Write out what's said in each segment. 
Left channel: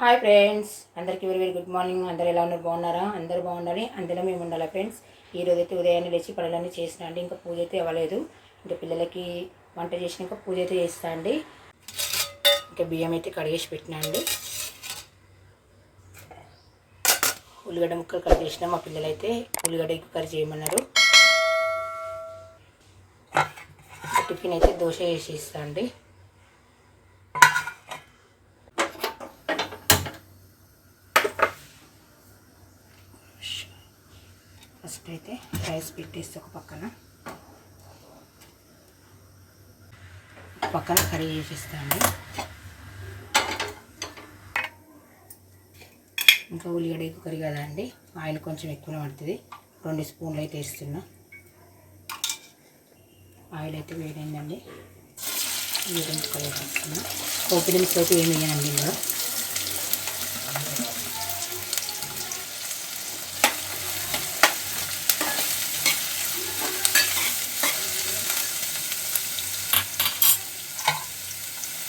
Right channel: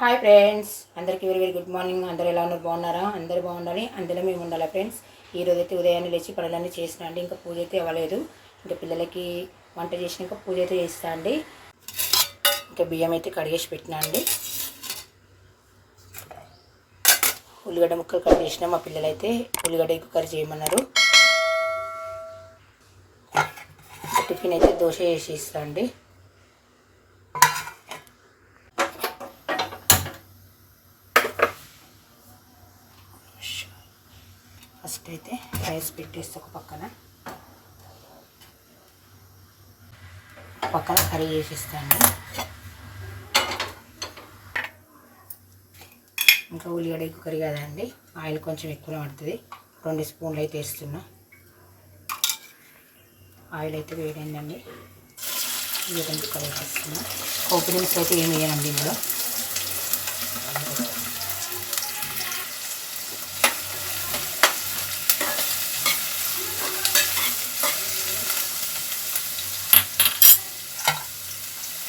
Hi friends అందరికీ very very good morning అందరు ఎలా ఉన్నారు? బాగున్నారా? అందరు బాగుండాలి. అందులో మేము ఉండాలి ఫ్రెండ్స్ ఈ అయితే ఉదయాన్నే లేచి పనులన్నీ చేసిన అండి. ఇంకా పూజ అయితే అవ్వలేదు. ఇంకా పిల్లలకి వంట చేసినాక పూజ అయితే చేస్తా అండి. ఇంకా బియ్యం అయితే కడిగేసి పెట్టినా అండి. ఉల్లిగడ్డ ముక్కలు కట్ చేసిన మా పిల్లలైతే ఉల్లిగడ్డ ఎక్కువ కర్రీ చేయమన్నారు. టిఫిన్ అయితే దోశ వేసి ఇస్తా అండి. ఫస్ట్ అయితే రైస్ పెట్టేస్తే ఒక పక్కన. పక్కన కర్రీ చేసేస్తాను ఇంకా ఉల్లిగడ్డ ఎక్కువ కర్రీ కదండి ఆయిల్ కొంచెం ఎక్కువనే పడుతుంది. రెండు స్పూన్లు అయితే వేస్తున్నా. ఆయిల్ అయితే వేడైందండి. వేడి ముక్కలు వేసేస్తున్నా పోపు దినుసులు అయితే ఏమి వేయనండి ఇందులో.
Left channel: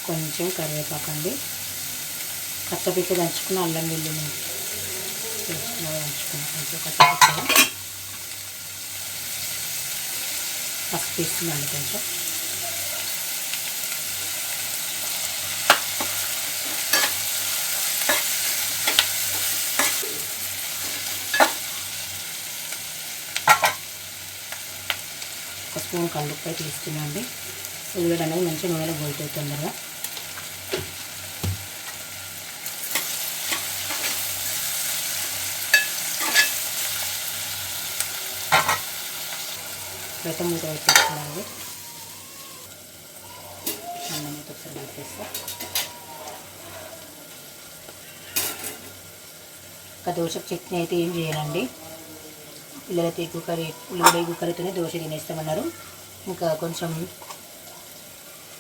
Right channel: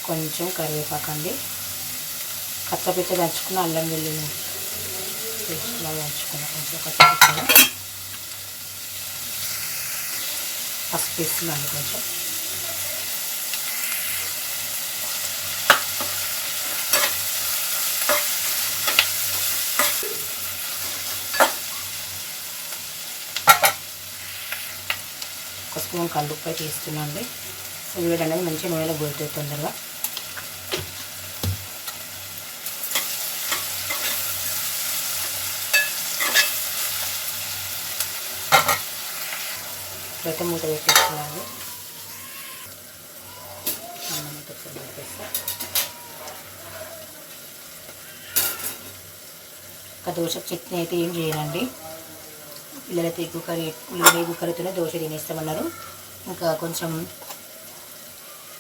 కొంచెం కరివేపాకండి. కచ్చపిచ్చ దంచుకున్న అల్లం వెల్లుల్లి పేస్ట్లో దంచుకున్న కొంచెం కచ్చపిచ్చగా పసుపు వేస్తున్నాను కొంచెం. ఒక స్పూన్ కల్లుప్పై తీస్తున్నాండి ఉల్లిగడ్డ అనేది మంచి నూనెలో గోలుతుంది తొందరగా. ఇప్పుడైతే మూత పెట్టేసుకోవాలి అన్నం ఒకసారి పెట్టేస్తా. ఇంకా దోశ చట్నీ అయితే ఏం చేయనండి. పిల్లలైతే ఎక్కువ కర్రీ ఉల్లిగడ్డ ఎక్కువ కర్రీతోనే దోశ తినేస్తామన్నారు. ఇంకా కొంచెం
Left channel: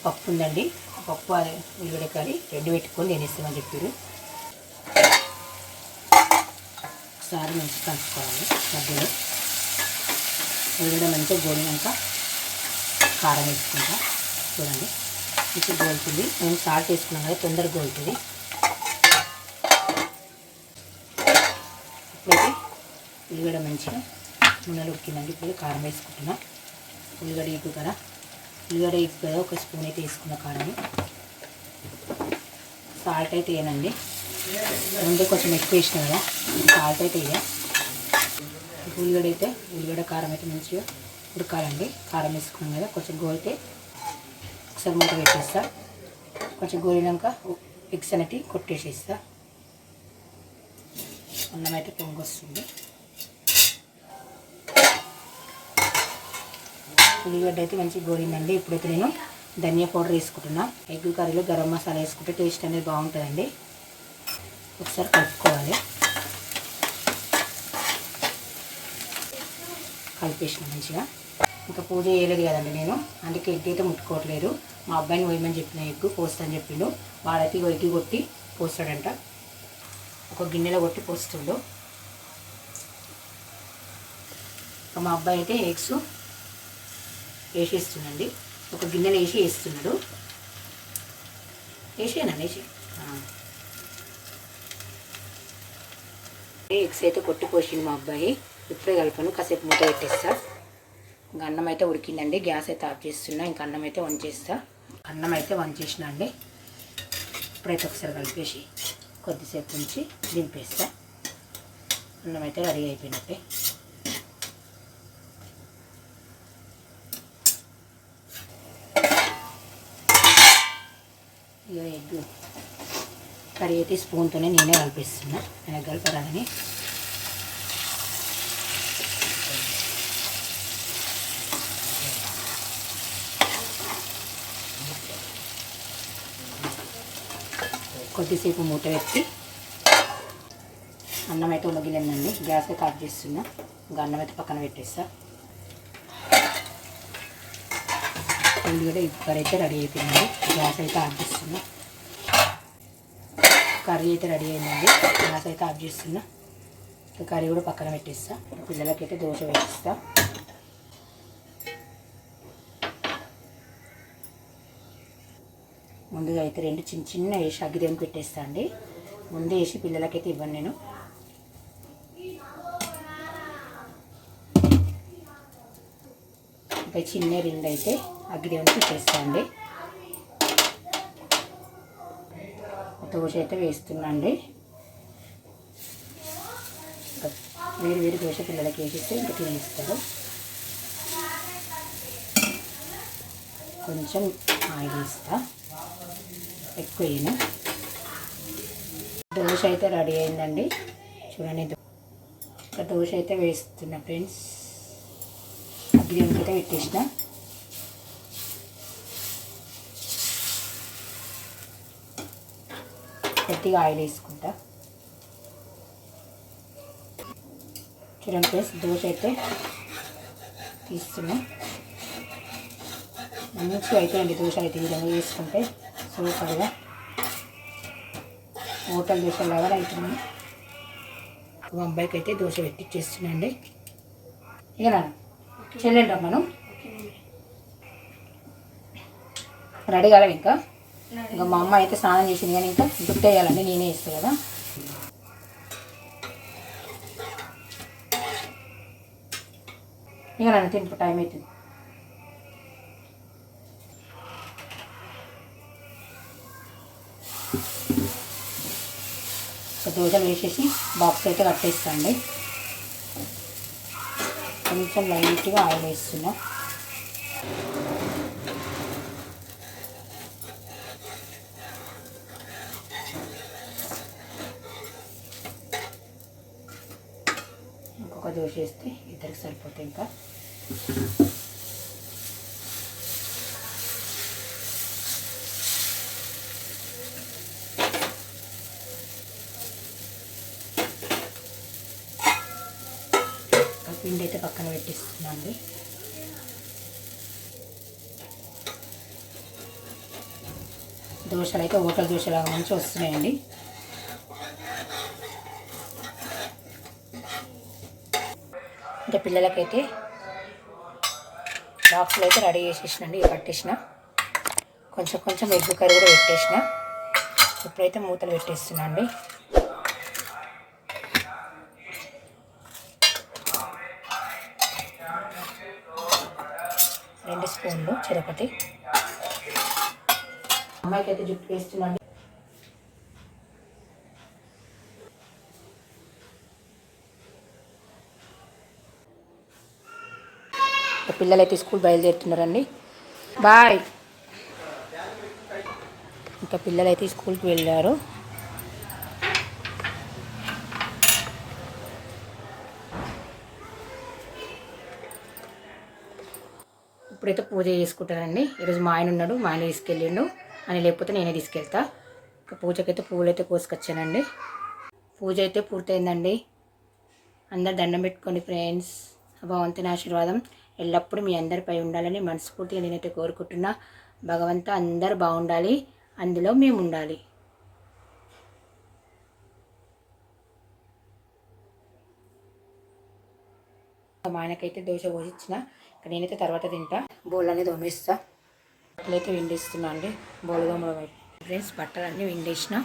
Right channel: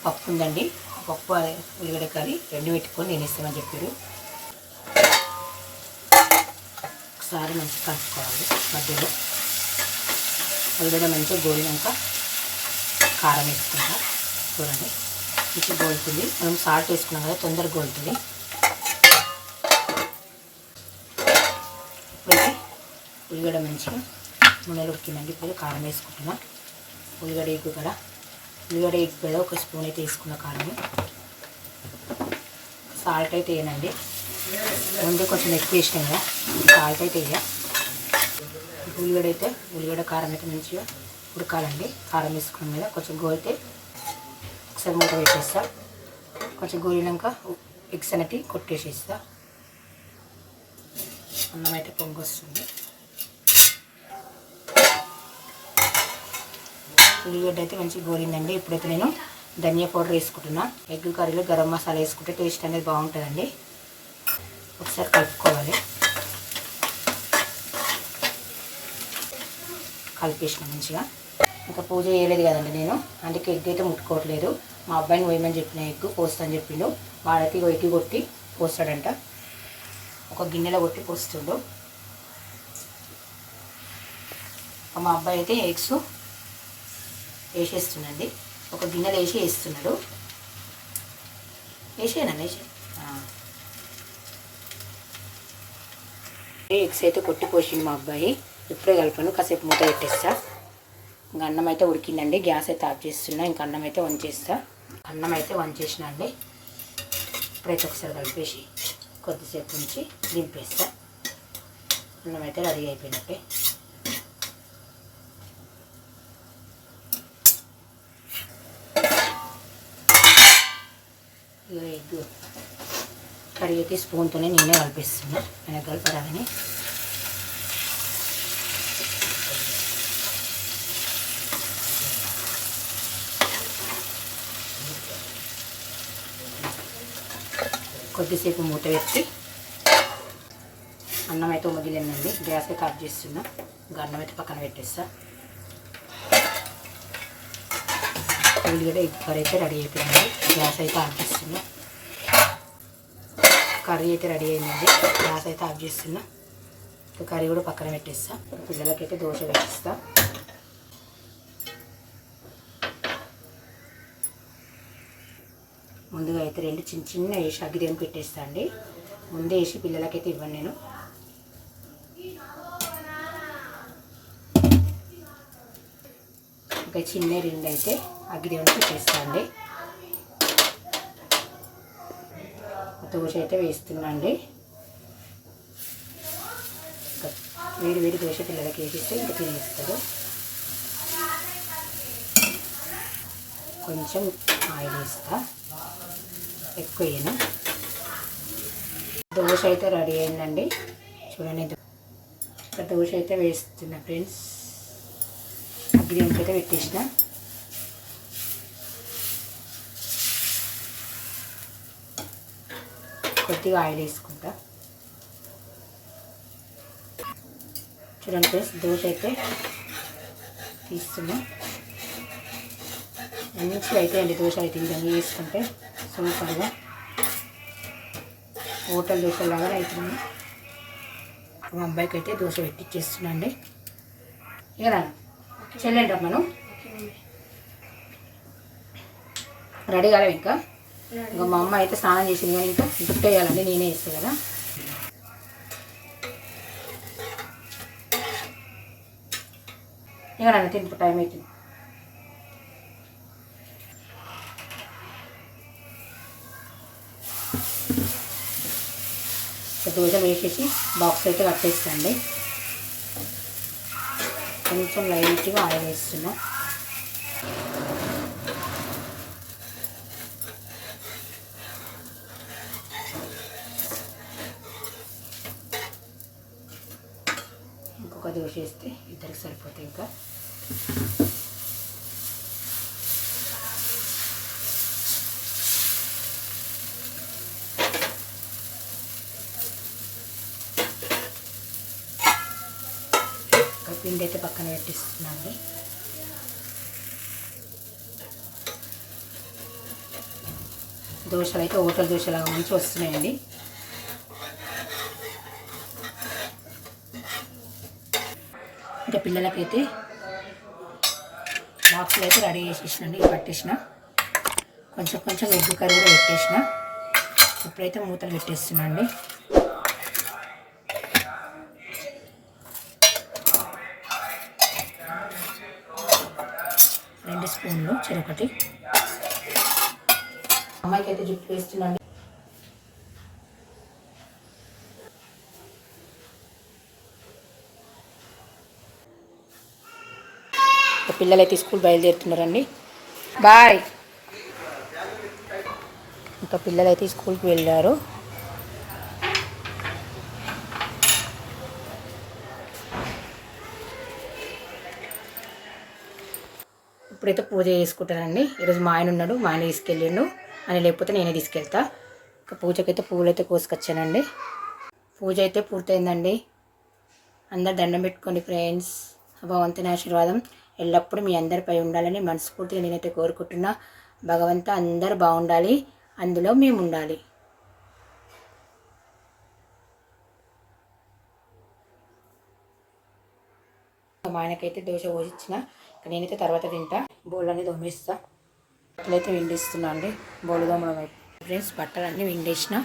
పప్పు ఉందండి. పప్పు ఉల్లిగడ్డ కర్రీ రెండు పెట్టుకొని తినేస్తామని చెప్పారు. ఒకసారి మంచిగా కలుపుకోవాలి మధ్యలో. ఉల్లిగడ్డ మంచిగా గోలినాక కారం వేసుకుంటా. చూడండి. మంచిగా గోలుతుంది. మనం సాల్ట్ వేసుకున్నాం కదా తొందరగా గోలుతుంది. ఇప్పుడైతే ఉల్లిగడ్డ మంచిగా నూనెలు ఉడికిందండి. ఇప్పుడు కారం వేసుకుంటున్నా. ఉల్లిగడ్డ ఎక్కువ కదా. ఉల్లిగడ్డ ఎక్కువ కదా. ఒక స్పూన్ అయితే వేసుకున్న కారం సాల్ట్ అయితే వేయనండి. ముందే కొంచెం ఎక్కువ వేసినా కదా. సాల్ట్ అయితే వేయ ఉల్లిగడ్డ అయితే ఉల్లిగడ్డ కారం అయితే మంచిగా ఉడకాలండి. కారం వేసుకున్నాం కదా కొంచెం గోలితే ఒకసారి మూత పెట్టేస్తా. కొంచెం గోలినాక ఎగ్స్ అనేటి కొట్టేసేస్తా. అన్నం అయితే పొంగొస్తుంది ఉల్లిగడ్డ అయితే మంచిగా గోలిందండి. ఇప్పుడైతే నేను ధనియా పౌడర్ వేసుకుంటున్నా. ఎగ్ కర్రీలో గరం మసాలా వేసుకుంటే టేస్ట్ అనేది బాగుంటుందండి. ఒకసారి కలుపుకోవాలి. కలిపేసిన మంచిగా. ఇంకా పూజ చేయలేదు కదండి నేను. అందుకే ఎగ్ అయితే ముట్టుకోవట్లేదు. మా అబ్బాయిని పోయమని చెప్పిన ఎగ్ పోస్తాను చెప్పిండు. వాడైతే ఎగ్గి కొట్టి పోస్తాడంట. ఒక గిన్నెలో కొట్టి పోస్తుడు. మా అబ్బాయి అయితే ఎగ్స్ వేసేస్తుందండి ఒక గిన్నెలో వేసి వేస్తున్నాడు. వేసేనా వేసే? ఎగ్స్ అయితే కొట్టి పోసింది మా అబ్బాయి. ఇప్పుడే కలిపాను కాసేపు మూత పెట్టేస్తా. ఇంకా అన్నం అయితే ఉడికిందండి. గ్యాస్ అయితే ఆఫ్ చేస్తున్నా. ఇంకా అన్నం అయితే వంచేస్తా. అన్నం అయితే వంచేసిన అండి. ఇప్పుడైతే ఒకసారి కలిపేసి కొద్దిసేపు ఉంచి దింపేస్తా. అన్నం అయితే రెడీ అయిపోయినట్టే. ఇగో ఎగ్ కడిగి అయితే స్పూన్తోనే నేనే కలిపిస్తున్నా. నేను కలపరాదని కొద్దిసేపు మూత పెట్టి అన్నం అయితే ఉమగిలిందండి. గ్యాస్ అయితే ఆఫ్ చేస్తున్నా. ఇంకా అన్నం అయితే పక్కన పెట్టేస్తా. ఉల్లిగడ్డ ఇప్పుడు అయితే రెడీ అయిపోయింది. గ్యాస్ అయితే ఆఫ్ చేస్తున్నా. కర్రీ అయితే రెడీ అయిందండి. గ్యాస్ అయితే ఆఫ్ చేస్తున్నా. కర్రీ కూడా పక్కన పెట్టేస్తా. పిల్లలకైతే దోశ పెట్టిస్తాను ముందుగా అయితే రెండు చిన్న చిన్న వేసి అగ్గిదేని పెట్టేస్తా అండి. ముందే వేసి పిల్లలకైతే ఇవ్వను నేను. ఇంకా చిన్న రెండు అయితే అగ్గిదేవుని పెట్టేస్తా అండి. దోశ అయితే వేస్తున్నా అండి. వేడి వేడి దోశ పిల్లలకి వేసిస్తే ఇంకా తినేస్తారు కొంచెం ఆయిల్ వేస్తా. ఎక్కువ వేయను దోశ అయితే రెడీ అయిందండి. చూడండి ఒక దోశ అయితే వేస్తున్నా ఫ్రెండ్స్. అగ్గిదేవునికి అయితే పెట్టేసిన. కొద్దిగా ఆయిల్ వేసుకుంటా. చూడండి ఫ్రెండ్స్ దోశ అయితే తీస్తున్నా. మంచిగా అయితే అండి దోశ అయితే. విధంగా వేసుకుంటే సూపర్గా హోటల్ దోశలాగా అవుతుంది మా అబ్బాయికి అయితే దోశ పెట్టిచ్చేస్తున్నా అండి ఇక నా మనం రెడీ కాలేం ఇంకా. ఇంకా మా అమ్మ అయితే స్నానం చేసింది కానీ ఇంకా గిఫ్ట్ వేయాలండి నేనే ఇస్తాను కదా. ఇక నన్ను తింపు టైం అవుతుంది దోశలు వేసేసి బాక్స్ అయితే కట్టేస్తాండి కొంచెం లైట్గా ఆయిల్ వేస్తున్నా. ఇంకొక దోశ వేస్తే ఇద్దరికి సరిపోతాయి ఇంకా ఇంకా పిండి అయితే పక్కన పెట్టిస్తున్నా అండి దోశలు అయితే హోటల్ దోశలాగా మంచి వస్తున్నాయండి. ఇంకా పిల్లలకైతే బాక్సులు అయితే రెడీ చేసేసినండి పట్టేసిన. కొంచెం కొంచెం ఎగ్ కర్రీ కూడా పెట్టేసిన. ఇప్పుడైతే మూతలు పెట్టేస్తున్నాండి అండి రెండు స్పూన్లు చెరొకటి. అమ్మాయికి అయితే జుట్టు వేస్తున్నాండి పిల్లలు అయితే స్కూల్ బయలుదేరుతున్నారండి. బాయ్. ఇంకా పిల్లలు అయితే స్కూల్కి వెళ్ళారు. ఇప్పుడైతే పూజ చేసుకుంటానండి. ఈరోజు మా ఆయన ఉన్నాడు మా ఆయన తీసుకెళ్ళిండు. అని లేకపోతే నేనే తీసుకెళ్తా. ఇక పూజకైతే పూలు అయితే కోసుకొచ్చానండి. పూజ అయితే పూర్తయిందండి. అందరు దండం పెట్టుకోండి ఫ్రెండ్స్. భగవంతుని ఆశీర్వాదం ఎల్లప్పుడూ మీ అందరిపై ఉండాలని మనస్ఫూర్తిగా నేనైతే కోరుకుంటున్నా. భగవంత అందరు బాగుండాలి. అందులో మేము ఉండాలి మా ఆయనకైతే దోశ పోసిచ్చిన. నేనైతే తర్వాత తింటా. బోల్ అనేది తోమేస్తా. బట్టలైతే విండిస్తున్నా అండి. బోలు దోమల ఫ్రెండ్స్ ఫ్రెండ్స్ బట్టలన్నీ విండేసిన.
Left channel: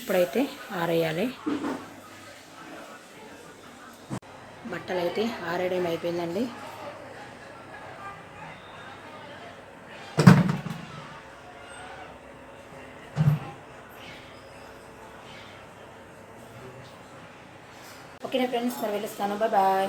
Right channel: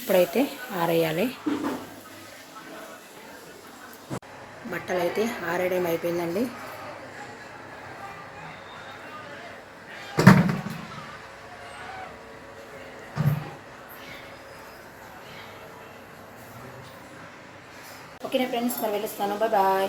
ఇప్పుడైతే ఆరేయాలి. బట్టలు అయితే ఆరేయడం అయిపోయిందండి. ఫ్రెండ్స్ మరి వెళ్ళొస్తాను బాయ్ బాయ్